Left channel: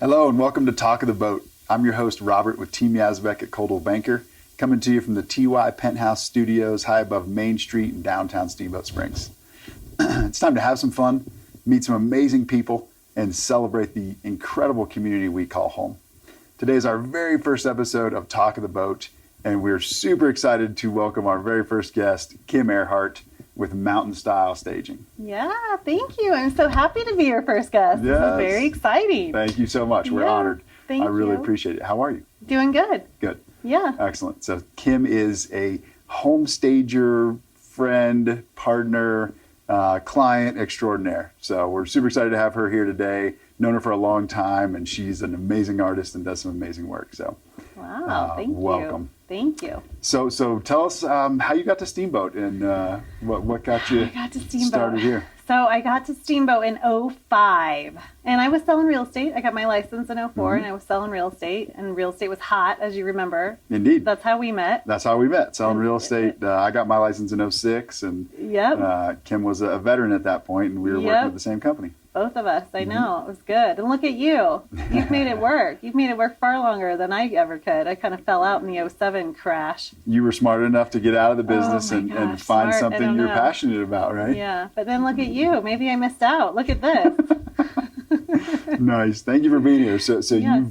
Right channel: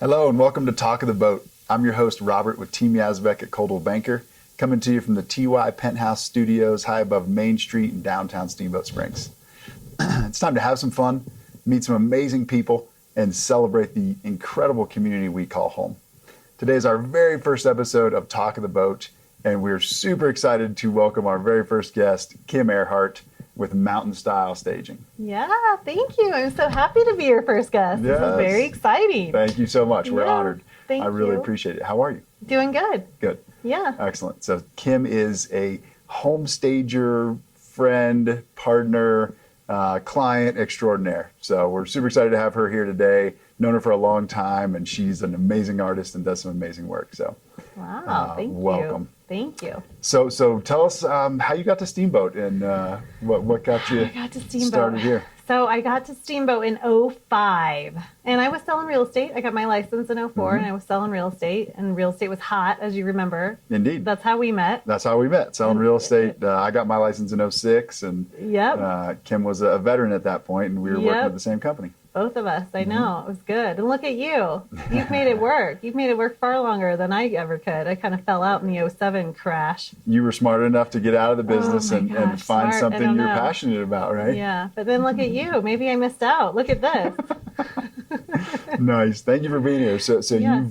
Hello and welcome to Talk of the Boat. I'm your host, Robert, with Team Yazbek at Coldwell Banker, coming to you from the TY Penthouse Studios high above Main Street in downtown Steamboat Springs. It's time to have some fun, meet some amazing people, and celebrate the incredible community we call home. Today is our very first episode of Talk of the Boat, and we're super excited to welcome our very first guest, Kim Erhart, with MntnStyl Staging. Yeah, thank you. I'm so happy to be your first guest. Yes. This is very exciting. Thank you so much. We're honored. Thank I really you. appreciate it. How are you? Doing good. Good. Yeah. Excellent. So Kim is a home stager, friend, partner, client extraordinaire. So we're super excited to have her here today. Known her for a long time, and she's an amazing artist and does some amazing work. So Wow, thank you. welcome. Thank you. So tell us how you got to Steamboat and what got you started here. So I got to Steamboat in 2005, and I was selling real estate. I got my license in 2004, and I was selling real estate, and real estate was hot, as you remember. Indeed. That's how we met. That's how we met, selling real estate. I got my license in 2006, and Kim was a veteran at that point, and we were working with the same company. Both of us, I know. It was good. And look at you. You've made it work. You've made it work far longer than I ever could. I kind of fell out in the 2007 crash. You were smart enough to get out of the business and find smart. something you're passionate about, right? Yeah, but then look at you. Maybe I missed out. Look at this. Nice. Thank you for being here. So you've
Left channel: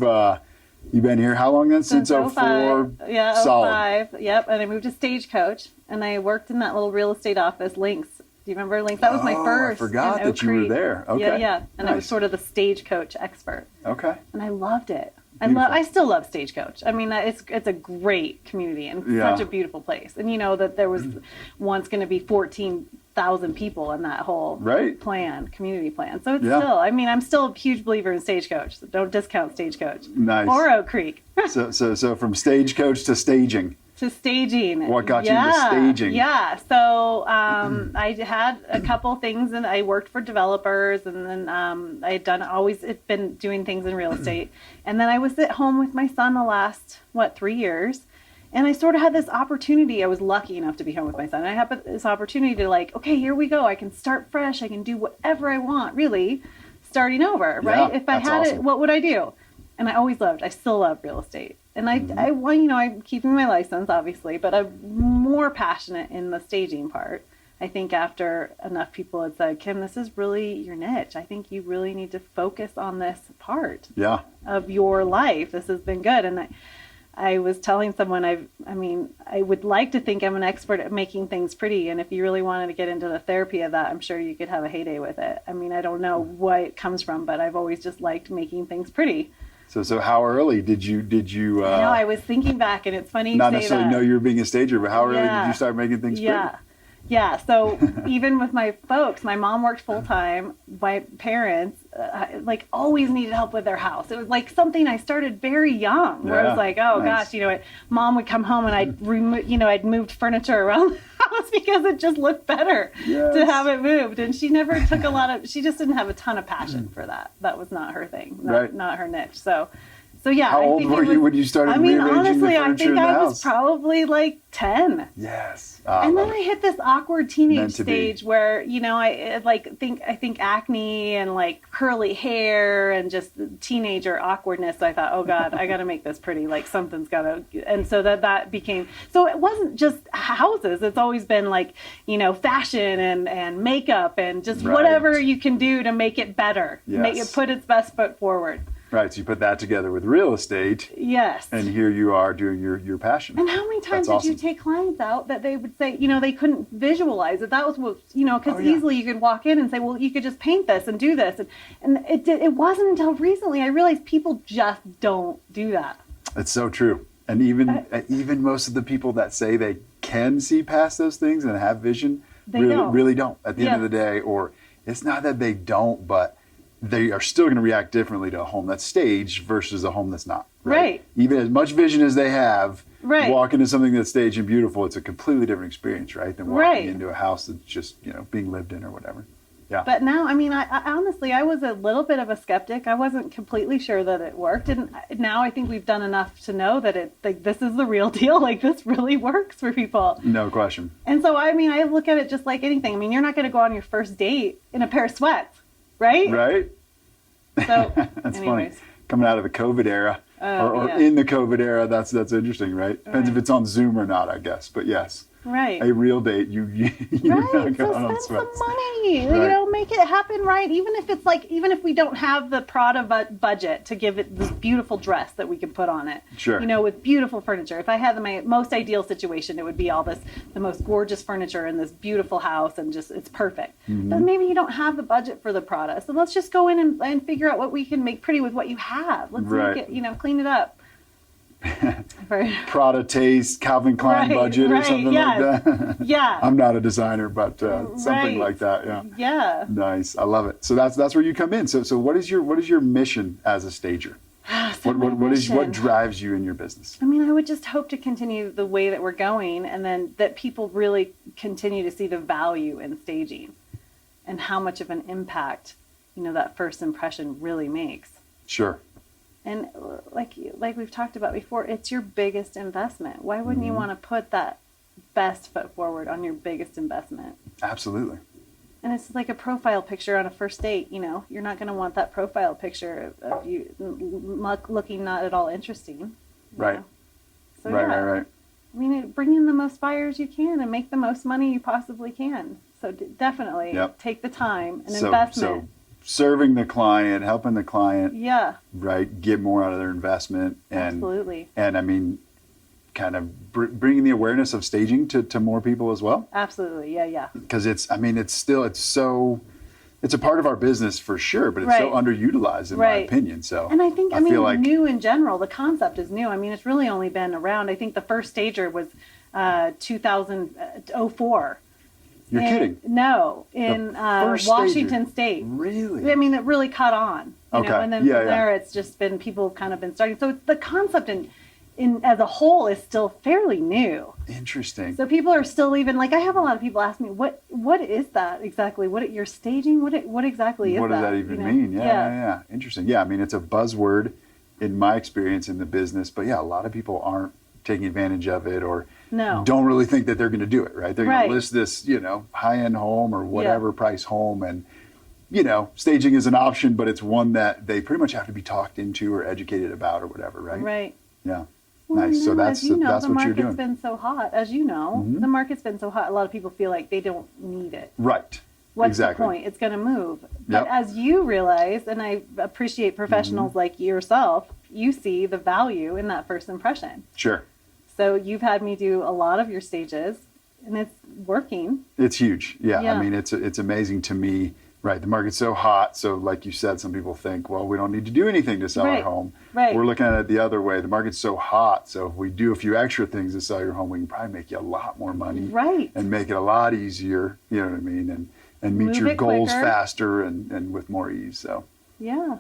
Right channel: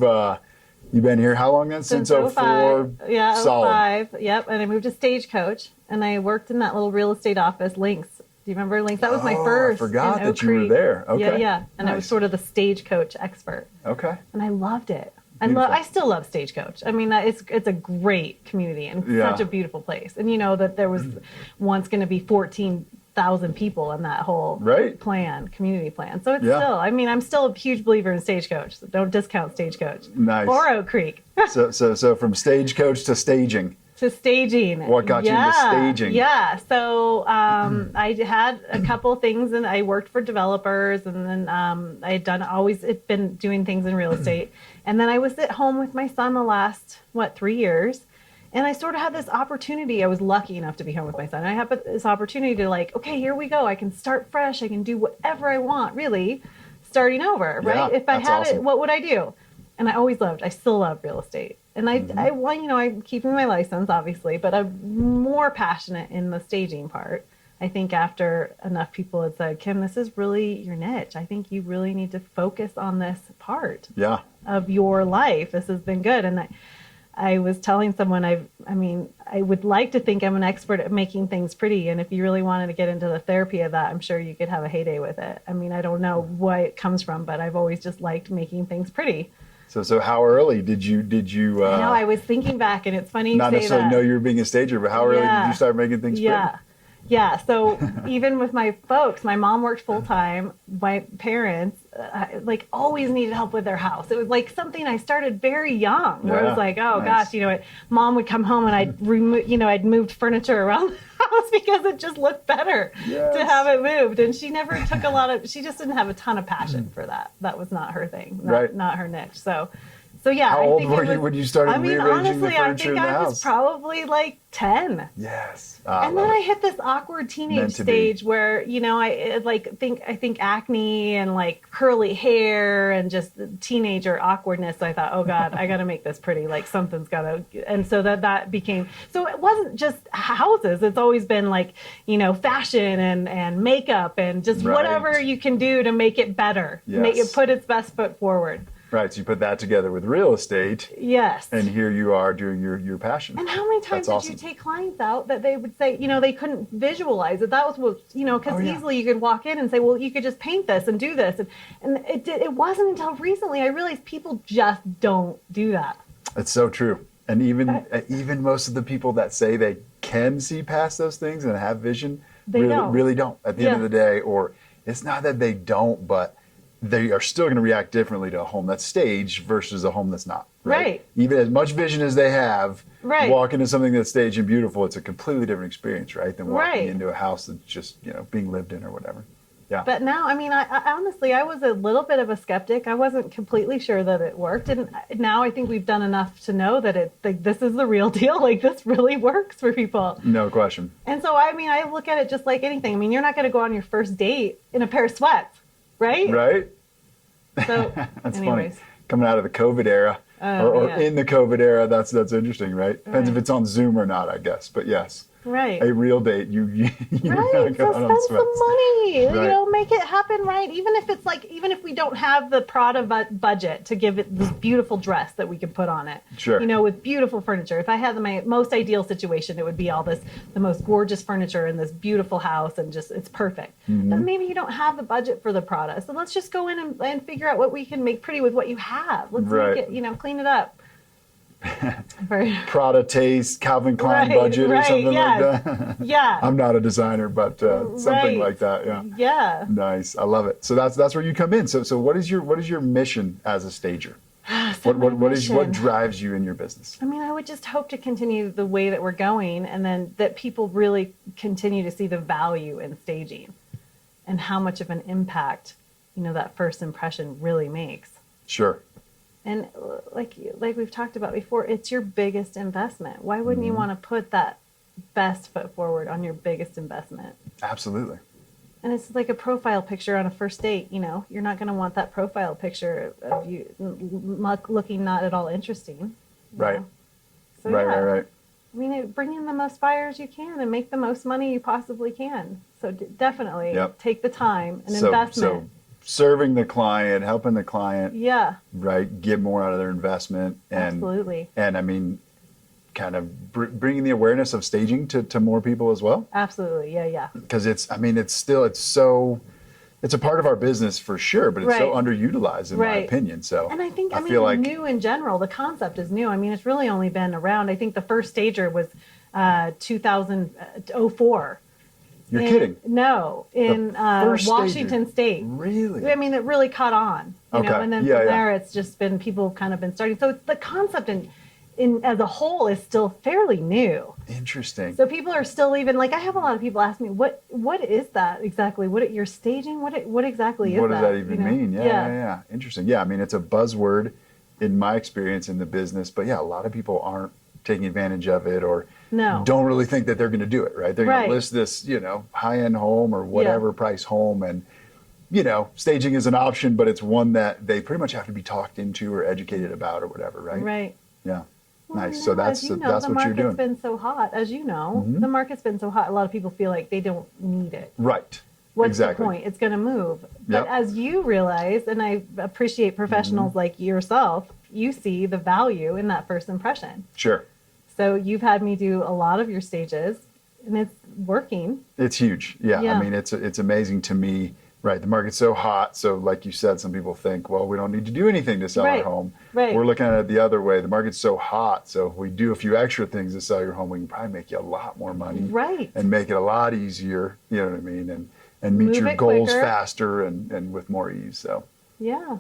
been here how long then? Since 2004? Yeah, Solid. 2005. Yep, and I moved to Stagecoach, and I worked in that little real estate office, Links. Do you remember Links? That was my first. I forgot in that Oak you were Creek. there. Okay. Yeah. And I was sort of the Stagecoach expert. Okay. And I loved it. Beautiful. I still love Stagecoach. I mean, it's a great community and such a beautiful place. And you know that there was once going to be 14,000 people in that whole community plan. So it's still, I mean, I'm still a huge believer in Stagecoach. So don't discount Stagecoach. Nice. Or Oak Creek. So from Stagecoach to staging. To staging. What got you into staging? Yeah. So I had a couple things, and I worked for developers, and then I had always been doing things in real estate. And then I was at home with my son the last, 3 years. And I sort of had this opportunity. I was lucky enough to be home with my son. I had this opportunity to okay, here we go. I can start fresh. I can do whatever I want, really, starting over, right? If I had it, what would I do? And I still love real estate. And I'm keeping my license, obviously, but I'm more passionate in the staging part. I think after enough people had said, Kim, this is really your niche. I think you really need to focus on this part of your life. This has been good. And I was telling someone, I would like to think I'm an expert at making things pretty. And if you really wanted to get into the therapy of that, I'm sure you could have a heyday with it. I mean, I don't know where it comes from, but I've always just liked making things pretty. So how early did you? No, I was thinking back, and it's funny you say that. Not necessarily know you were being a stager, but how early did you start making things pretty? Yeah. So even with my folks, my mom worked full time. My parents always needed help with their house. It was like something I started very young, where I was like, oh gosh, mom would come home and I'd moved furniture around the house because it just looked better to have it moved. And she never took she just didn't have a ton of passion for that. That was not her thing, not her niche. So yeah. How old were you when you started rearranging the furniture in the house? I think I was probably 10. Yes. And then I hit this awkward teenage stage where, I think acne and curly hair and just teenager awkwardness. So I thought, oh God, I got to make this pretty. Something's got to. And so that became. So it wasn't just houses. It's always been fashion and makeup and just whatever you can do to make it better. Yes. Put its best foot forward. Right, so you put that together with real estate. Yes. And here you are doing your passion. And how many times did you take clients out that they would say, they couldn't visualize it? That was what, because easily you could walk in and say, well, you could just paint this and do this. And it wasn't until recently I realized people just don't do that. It's so true. And even most of the people that say they can see past those things and have vision, really don't at the end of the day. Or it's not that they don't, but they are still going to react differently to a home that's staged versus a home that's not. Right. Even as much vision as they have, walk into something that's staged and beautiful, it's a completely different experience, right? Than walking into a house that's just, being lived in or whatever. Yeah. But now, I honestly, I was a little bit of a skeptic. I wasn't completely sure that it worked. And now I think we've done enough to know that this is the real deal. This really works for people. No question. And so, I look at it just like anything. You're not going to go on your first date in a pair of sweats. Right? Right. So, That's anyways. funny. coming out of the COVID era or in the COVID era. That's interesting, right? Depends if it's on Zoom or not, I guess. But yes. Right. A real date, you're Right. not So going on spend some money. Right. You know, make it happen right. Even if it's like, even if we don't have the Prada budget to give it this beautiful dress that we can put on it. Sure. You know, with beautiful furniture. If I had my most ideal situation, it would be all this, the most gorgeous furniture in this beautiful house and just, it's perfect. But maybe you don't have the budget for the Prada. So let's just go in and figure out what we can make pretty with what you have. Let's make it, you know, clean it up. Prada taste, Calvin Klein budget or something like that. Yeah. I'm not a designer, but something like that. Yeah. Yeah. Nice. I love it. So that's where you come in. So what is your mission as a stager? What drives you in your business? I mean, I would just hope to continue the way that we're going, and then that people really continue to see the value in staging and how much of an impact, you know, that first impression really makes. Sure. And like we've talked about before, it's your biggest investment. Why wouldn't you want to put that best foot forward on your biggest investment? Absolutely. And it's like a profile picture on a first date. You know, you're not going to want that profile picture of you looking not at all interesting. Right. So, right. I mean, bring in the most buyers you can and make the most money you possibly can. So definitely take the time and investment. So serving the client, helping the client, right, get more out of their investment. And, absolutely. And I mean, kind of bringing the awareness of staging to more people as well. Absolutely. Yeah. Because it's a part of our business for sure, but it's so underutilized in my opinion. So, and I think, feel like new in general, the concept is new. I mean, it's really only been around. I think the first stager was 2004. You're kidding? No, in Washington State. Really? I mean, it really caught on. You know, and then from there, it's just been people kind of been starting. So the concept in as a whole is still fairly new. Interesting. So people are still even like, I have a lot of people ask me, what is that exactly? What you're staging? What exactly is that? What does that even mean? Yeah. Interesting. Yeah, I mean, it's a buzzword in my experience in the business, but a lot of people aren't taking advantage of it or don't really think that they're going to do it, right? They're going to list this, high-end home or whatever price home, and staging is an option, but it's one that they pretty much have to be talked into or educated about or whatever, right? Right. Yeah. Well, nice. So that's what you're doing. The market's been so hot, as you know. The market's been so hot. A lot of people feel like they don't need it. Right. What's the point? It's going to move. But as you realize, and I appreciate professionals like yourself, you see the value in that first impression. Sure. So you've had me do a lot of your stages, and it's working. It's huge. Yeah. I mean, it's amazing to me. Right. The market's so hot. So like you said, some people think, well, we don't need to do anything to sell our home. Right. We're looking at it the other way. The market's so hot. So if we do a few extra things to sell your home, we can probably make you a lot more money. Right. And make it a lot easier. You know what I mean? And meet your goals faster and with more ease. So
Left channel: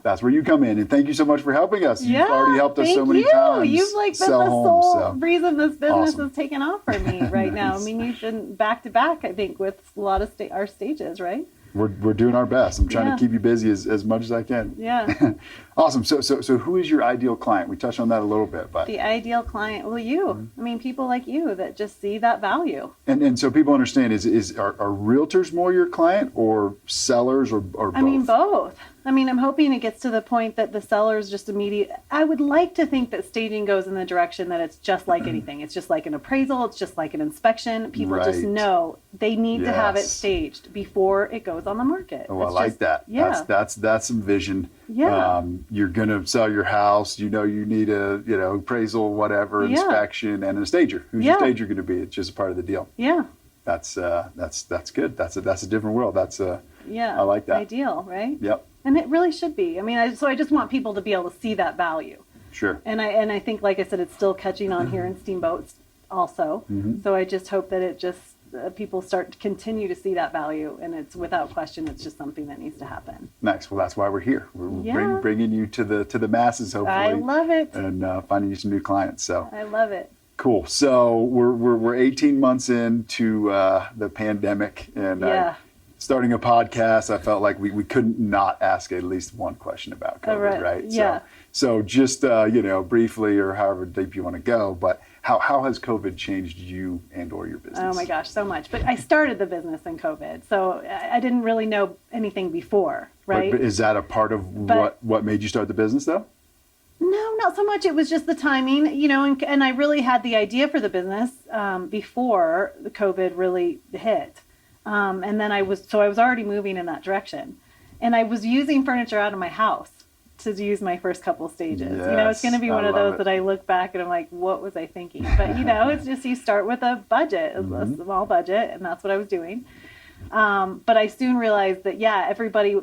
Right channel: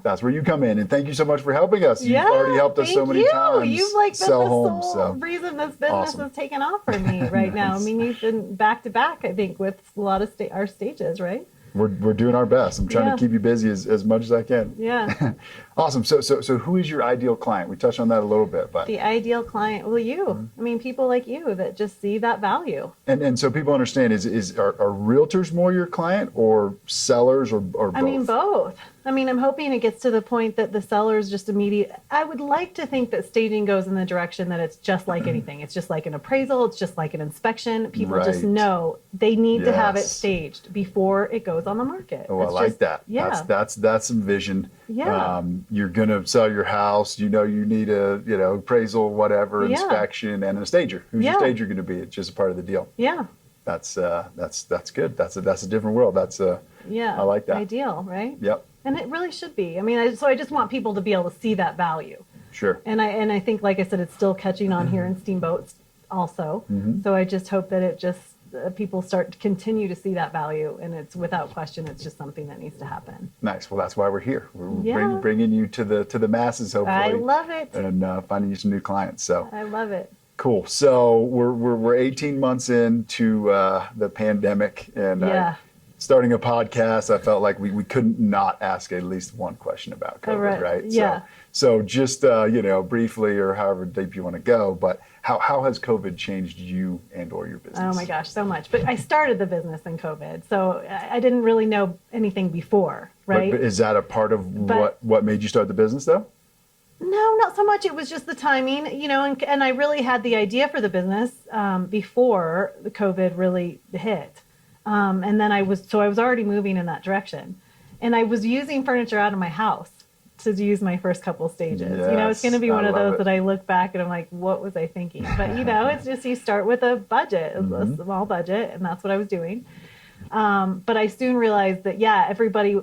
that's where you come in. And thank you so much for helping us. You've already helped us so many times. You've been the sole reason this business is taking off for me right now. I mean, you've been back to back, I think, with a lot of our stages, right? We're doing our best. I'm trying to keep you busy as much as I can. Yeah. Awesome. So who is your ideal client? We touched on that a little bit, but the ideal client, well, you. I mean, people like you that just see that value. And so people understand are realtors more your client or sellers or both? I mean, both. I mean, I'm hoping it gets to the point that the sellers just I would like to think that staging goes in the direction that it's just like anything. It's just like an appraisal. It's just like an inspection. People just know they need to have it staged before it goes on the market. Oh, I like that. Yeah. That's some vision. Yeah. You're going to sell your house. You need a, appraisal, whatever, inspection, and a stager. Who's your stager going to be? It's just a part of the deal. Yeah. That's good. That's a different world. I like that. Ideal, right? Yep. And it really should be. I mean, I just want people to be able to see that value. Sure. And I think, like I said, it's still catching on here in Steamboat also. So I just hope that it just people start to continue to see that value, and it's without question, it's just something that needs to happen. Nice. Well, that's why we're here. We're bringing you to the masses, hopefully. I love it. And finding you some new clients. So I love it. Cool. So we're 18 months into the pandemic, and starting a podcast, I felt like we couldn't not ask at least one question about COVID, right? Yeah. So just briefly, or however deep you want to go, but how has COVID changed you and or your business? Oh my gosh, so much. But I started the business in COVID, so I didn't really know anything before, right? But is that a part of what made you start the business, though? No, not so much. It was just the timing, and I really had the idea for the business before the COVID really hit. And then I was already moving in that direction. And I was using furniture out of my house to use my first couple stages. It's going to be one of those that I look back and I'm like, what was I thinking? But, it's just you start with a budget, a small budget, and that's what I was doing. But I soon realized that, everybody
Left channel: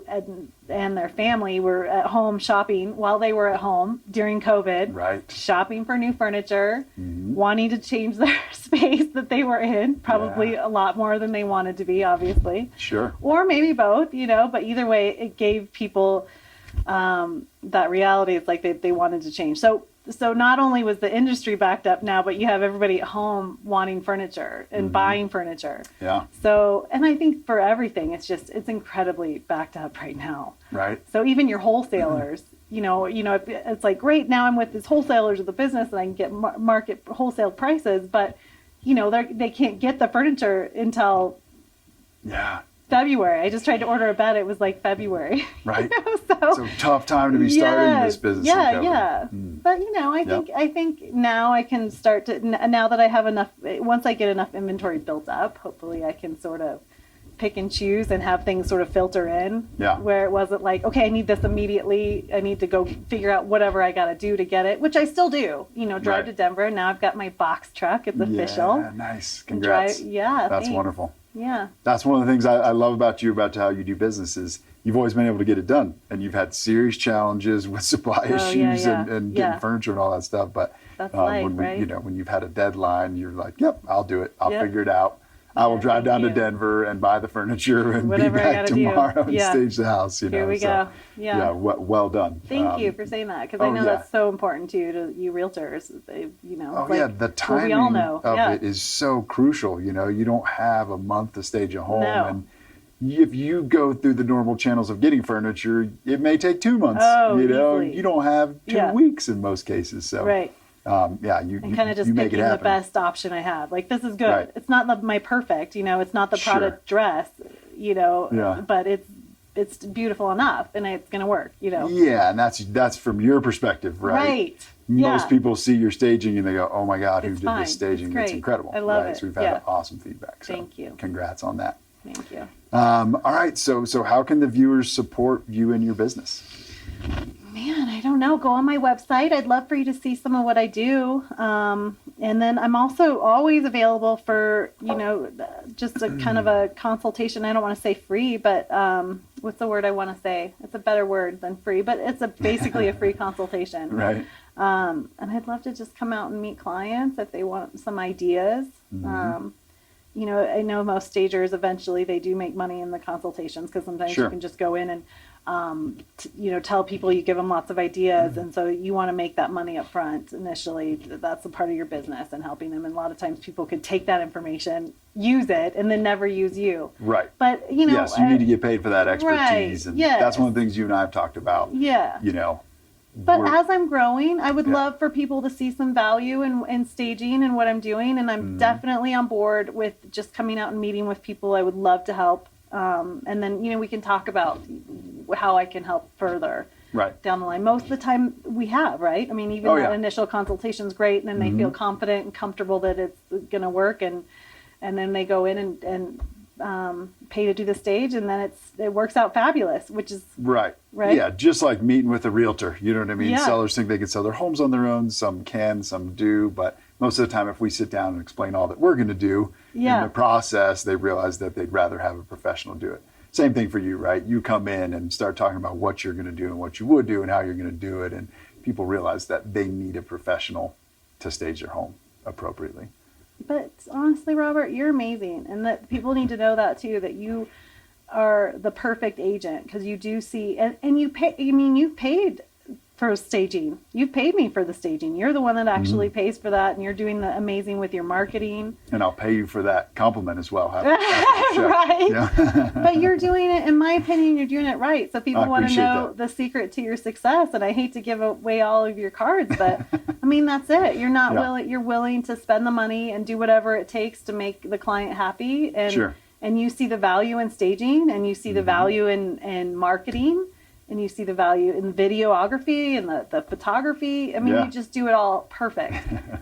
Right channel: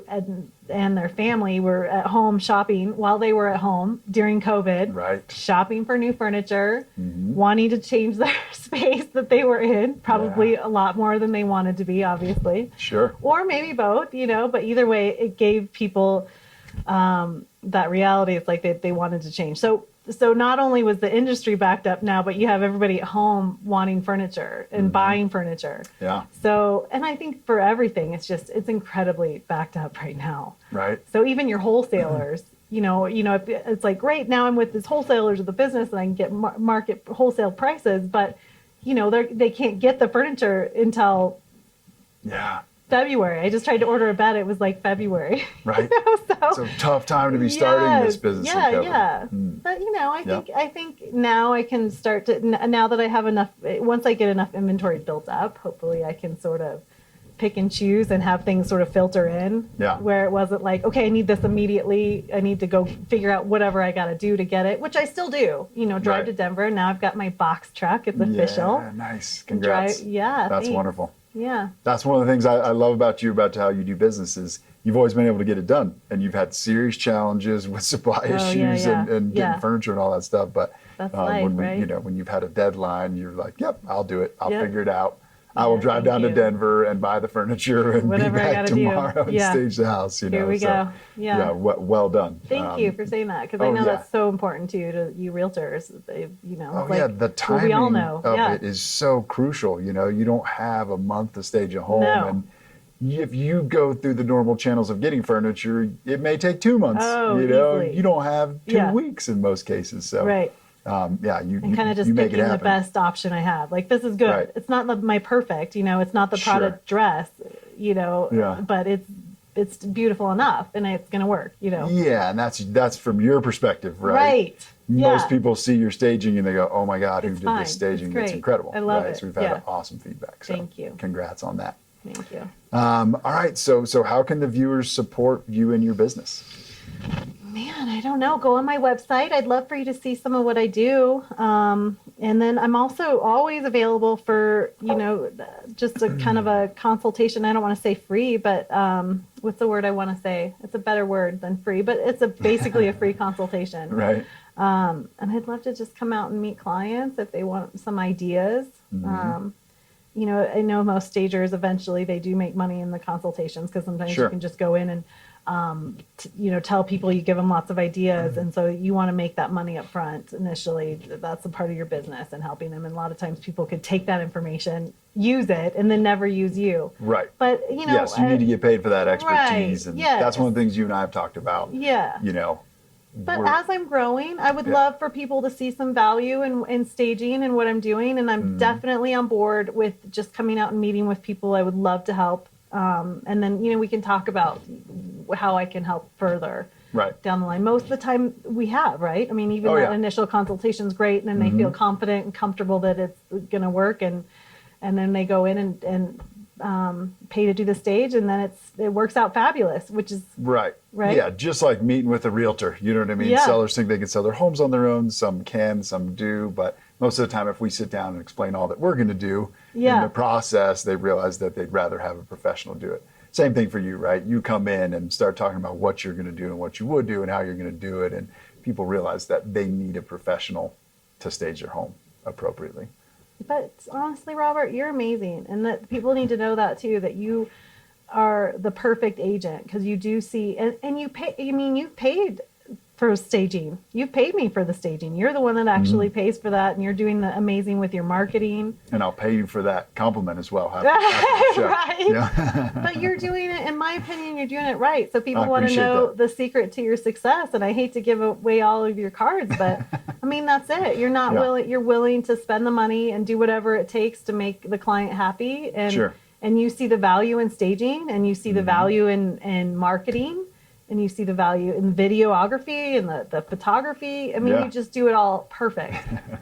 and their family were at home shopping while they were at home during COVID, right? Shopping for new furniture, wanting to change their space that they were in, probably a lot more than they wanted to be, obviously. Sure. Or maybe both, but either way, it gave people that reality. It's like they wanted to change. So not only was the industry backed up now, but you have everybody at home wanting furniture and buying furniture. Yeah. So, and I think for everything, it's incredibly backed up right now. Right. So even your wholesalers, it's like, great, now I'm with these wholesalers of the business and I can get market wholesale prices, but they can't get the furniture until February. I just tried to order a bed. It was like February. Right. So tough time to be starting this business. Yeah. But I think now I can start to, now that I have enough, once I get enough inventory built up, hopefully I can sort of pick and choose and have things sort of filter in. Yeah. Where it wasn't like, okay, I need this immediately. I need to go figure out whatever I got to do to get it, which I still do. Drive to Denver. Now I've got my box truck. It's official. Yeah, nice. Congrats. That's thanks. Wonderful. Yeah. That's one of the things I love about you, about how you do business, is you've always been able to get it done. And you've had serious challenges with supply issues and getting furniture and all that stuff. But that's life, when you've had a deadline, you're like, yep, I'll do it. I'll figure it out. I will drive down to Denver and buy the furniture and whatever be back tomorrow and stage the house. Here we go. Yeah. Well done. Thank you for saying that, because I know that's so important to you realtors. The timing we all know. of it is so crucial. You don't have a month to stage a home. No. And if you go through the normal channels of getting furniture, it may take 2 months. Easily. You don't have 2 weeks in most cases. So right. You kind of just picking the best option I have. Like, this is good. Right. It's not my perfect, it's not the product dress, but it's beautiful enough and it's going to work, Yeah, and that's from your perspective, right? Right. Most people see your staging and they go, "Oh my God, who It's did fine. this staging? It's It's incredible." I love it. So we've had awesome feedback. So Thank you. Congrats on that. Thank you. All right. So how can the viewers support you and your business? Man, I don't know. Go on my website. I'd love for you to see some of what I do. And then I'm also always available for, just a kind of a consultation. I don't want to say free, but what's the word I want to say? It's a better word than free, but it's basically a free consultation. Right. And I'd love to just come out and meet clients if they want some ideas. I know most stagers, eventually they do make money in the consultations, because sometimes you can just go in and tell people, you give them lots of ideas, and so you want to make that money up front initially. That's a part of your business and helping them. And a lot of times people could take that information, use it, and then never use you. Right. But yes, you need to get paid for that expertise, right, and that's one of the things you and I have talked about. Yeah. But as I'm growing, I would love for people to see some value in staging and what I'm doing, and I'm definitely on board with just coming out and meeting with people. I would love to help. And then, we can talk about how I can help further down the line. Most of the time we have, right? I mean, even that initial consultation is great, and then they feel confident and comfortable that it's going to work. And then they go in and pay to do the stage, and then it works out fabulous, which is right. Yeah. Just like meeting with a realtor, you know what I mean? Yeah. Sellers think they can sell their homes on their own. Some can, some do, but most of the time, if we sit down and explain all that we're going to do in the process, they realize that they'd rather have a professional do it. Same thing for you, right? You come in and start talking about what you're going to do and what you would do and how you're going to do it. And people realize that they need a professional to stage their home appropriately. But honestly, Robert, you're amazing. And that people need to know that too, that you are the perfect agent, because you do see, and you pay, you've paid for staging. You've paid me for the staging. You're the one that actually pays for that, and you're doing the amazing with your marketing. And I'll pay you for that compliment as well. After the show. Right? Yeah. But you're doing it, in my opinion, you're doing it right. So people want to know the secret to your success. And I hate to give away all of your cards, but I mean, that's it. You're not willing, you're willing to spend the money and do whatever it takes to make the client happy. And, and you see the value in staging, and you see the value in marketing. and you see the value in the videography and the photography. I mean, Yeah. you just do it all perfect.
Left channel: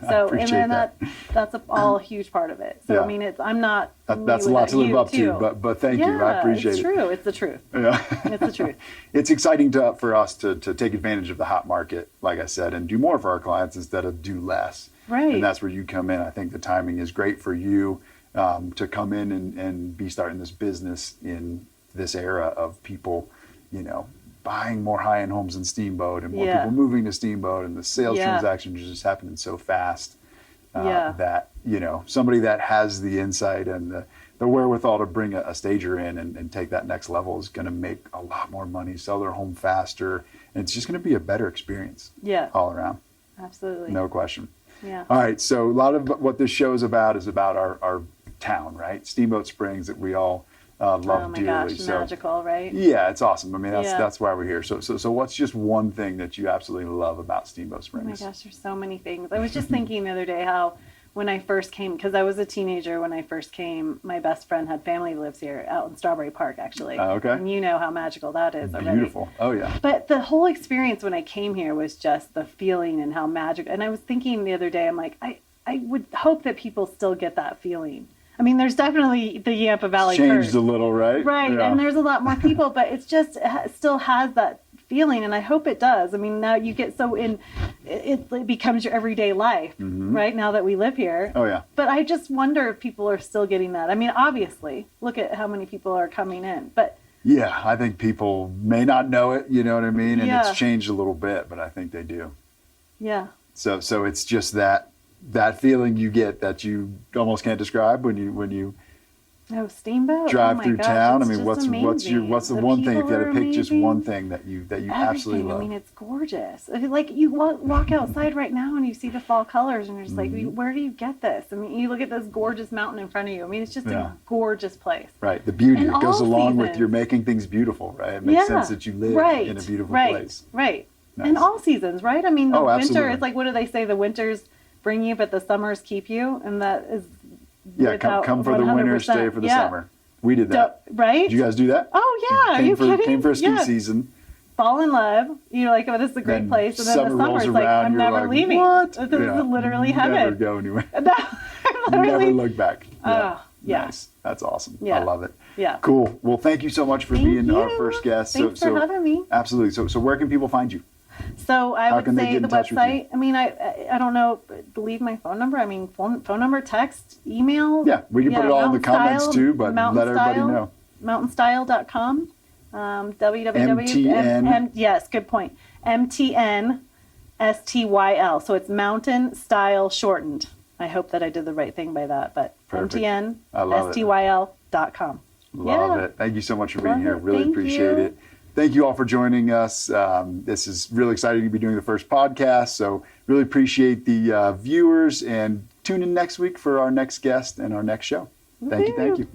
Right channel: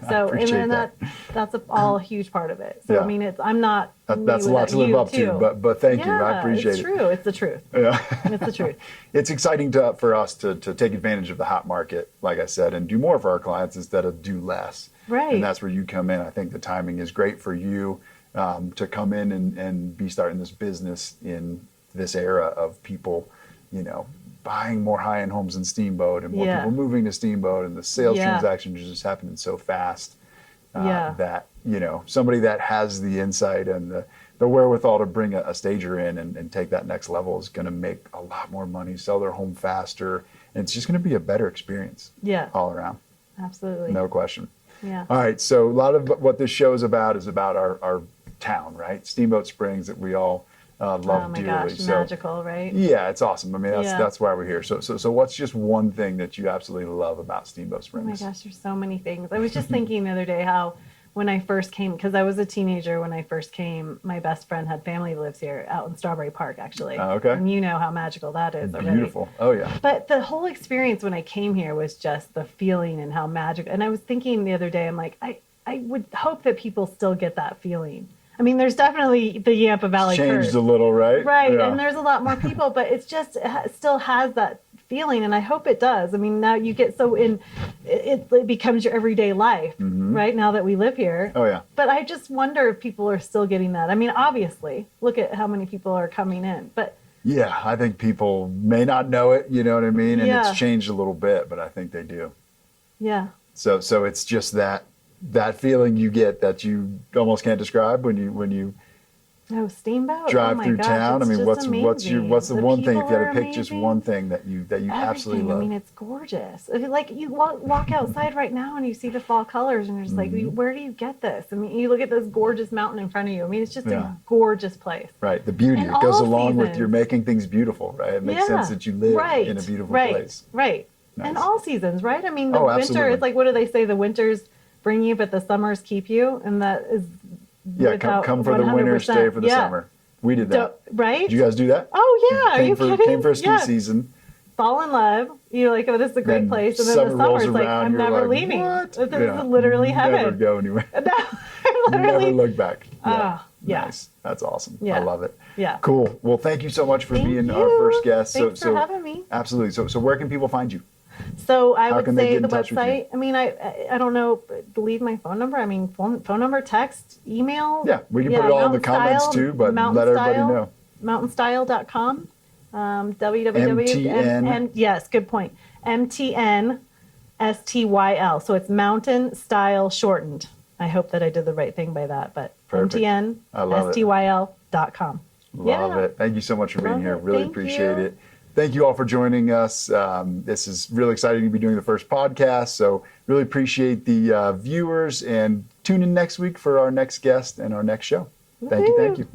So, and then that. that's all a huge part of it. So, Yeah. I mean, I'm not. That's a lot to live up to, but thank you. I appreciate it's it. true. It's the truth. Yeah. It's the truth. It's exciting for us to take advantage of the hot market, like I said, and do more for our clients instead of do less. Right. And that's where you come in. I think the timing is great for you to come in and be starting this business in this era of people, buying more high-end homes in Steamboat and more people moving to Steamboat, and the sales transactions are just happening so fast that, somebody that has the insight and the wherewithal to bring a stager in and take that next level is going to make a lot more money, sell their home faster, and it's just going to be a better experience all around. Absolutely. No question. Yeah. All right, so a lot of what this show is about our town, right? Steamboat Springs that we all love dearly. Oh my gosh, so, magical, right? yeah, it's awesome. I mean, that's why we're here. So what's just one thing that you absolutely love about Steamboat Oh Springs? my gosh, there's so many things. I was just thinking the other day how when I first came, because I was a teenager when I first came, my best friend had family that lives here out in Strawberry Park, actually. Okay. And you know how magical that is already. Beautiful. Oh, yeah. But the whole experience when I came here was just the feeling and how magical. And I was thinking the other day, I'm like, I would hope that people still get that feeling. I mean, there's definitely the Yampa Valley Changed curse. a little, right? Right, Yeah. and there's a lot more people, but it's just it still has that feeling, and I hope it does. I mean, now you get so it becomes your everyday life, right? Now that we live here. Oh, yeah. But I just wonder if people are still getting that. I mean, obviously, look at how many people are coming in, but Yeah, I think people may not know it, you know what I mean? And Yeah. it's changed a little bit, but I think they do. yeah, So it's just that feeling you get that you almost can't describe when you oh, Steamboat, drive oh my through gosh, town. I it's mean, just what's the amazing. one thing if you people had to are pick just amazing. one thing that you absolutely Everything. love? I mean, it's gorgeous. Like you walk outside right now and you see the fall colors, and you're just like, where do you get this? I mean, you look at this gorgeous mountain in front of you. I mean, it's just Yeah. a gorgeous place. Right, the beauty And it goes all along with seasons. you're making things beautiful, right? It makes sense that you live in a beautiful place. Right. Nice. And all seasons, right? I mean, the Oh, winter, absolutely. it's like, what do they say? The winters bring you, but the summers keep you. And that is Yeah, come for the winter, 100%. stay for the summer. We did that. Right? Did you guys do that? Oh, yeah. Are you kidding? Came for a ski Yeah. season. Fall in love. You're like, oh, this is a great Then place. And then summer the summer, rolls it's like, around, I'm you're never like, leaving. what? This Yeah. is literally heaven. Never go anywhere. I'm literally. Never look back. Oh, yeah. Nice. That's awesome. Yeah. I love it. Yeah. Cool. Well, thank you so much for Thank being our you. first guest. Thanks for having me. Absolutely. So where can people find you? So I How would can they say get in the touch with you? website. I mean, I don't know. Leave my phone number. I mean, phone number, text, email. Yeah, we can put it all in the comments MtnStyl, too, but let everybody MtnStyl, know. MtnStyl.com. www. MTN. Yes, good point. MtnStyl. So it's Mountain Style shortened. I hope that I did the right thing by that, but Perfect. I love it. MtnStyl.com. Love it. Thank you so much for being Love here. it. Really Thank appreciate you. it. Thank you all for joining us. This is really exciting to be doing the first podcast. So really appreciate the viewers, and tune in next week for our next guest and our next show. Thank you. Woohoo. Thank you.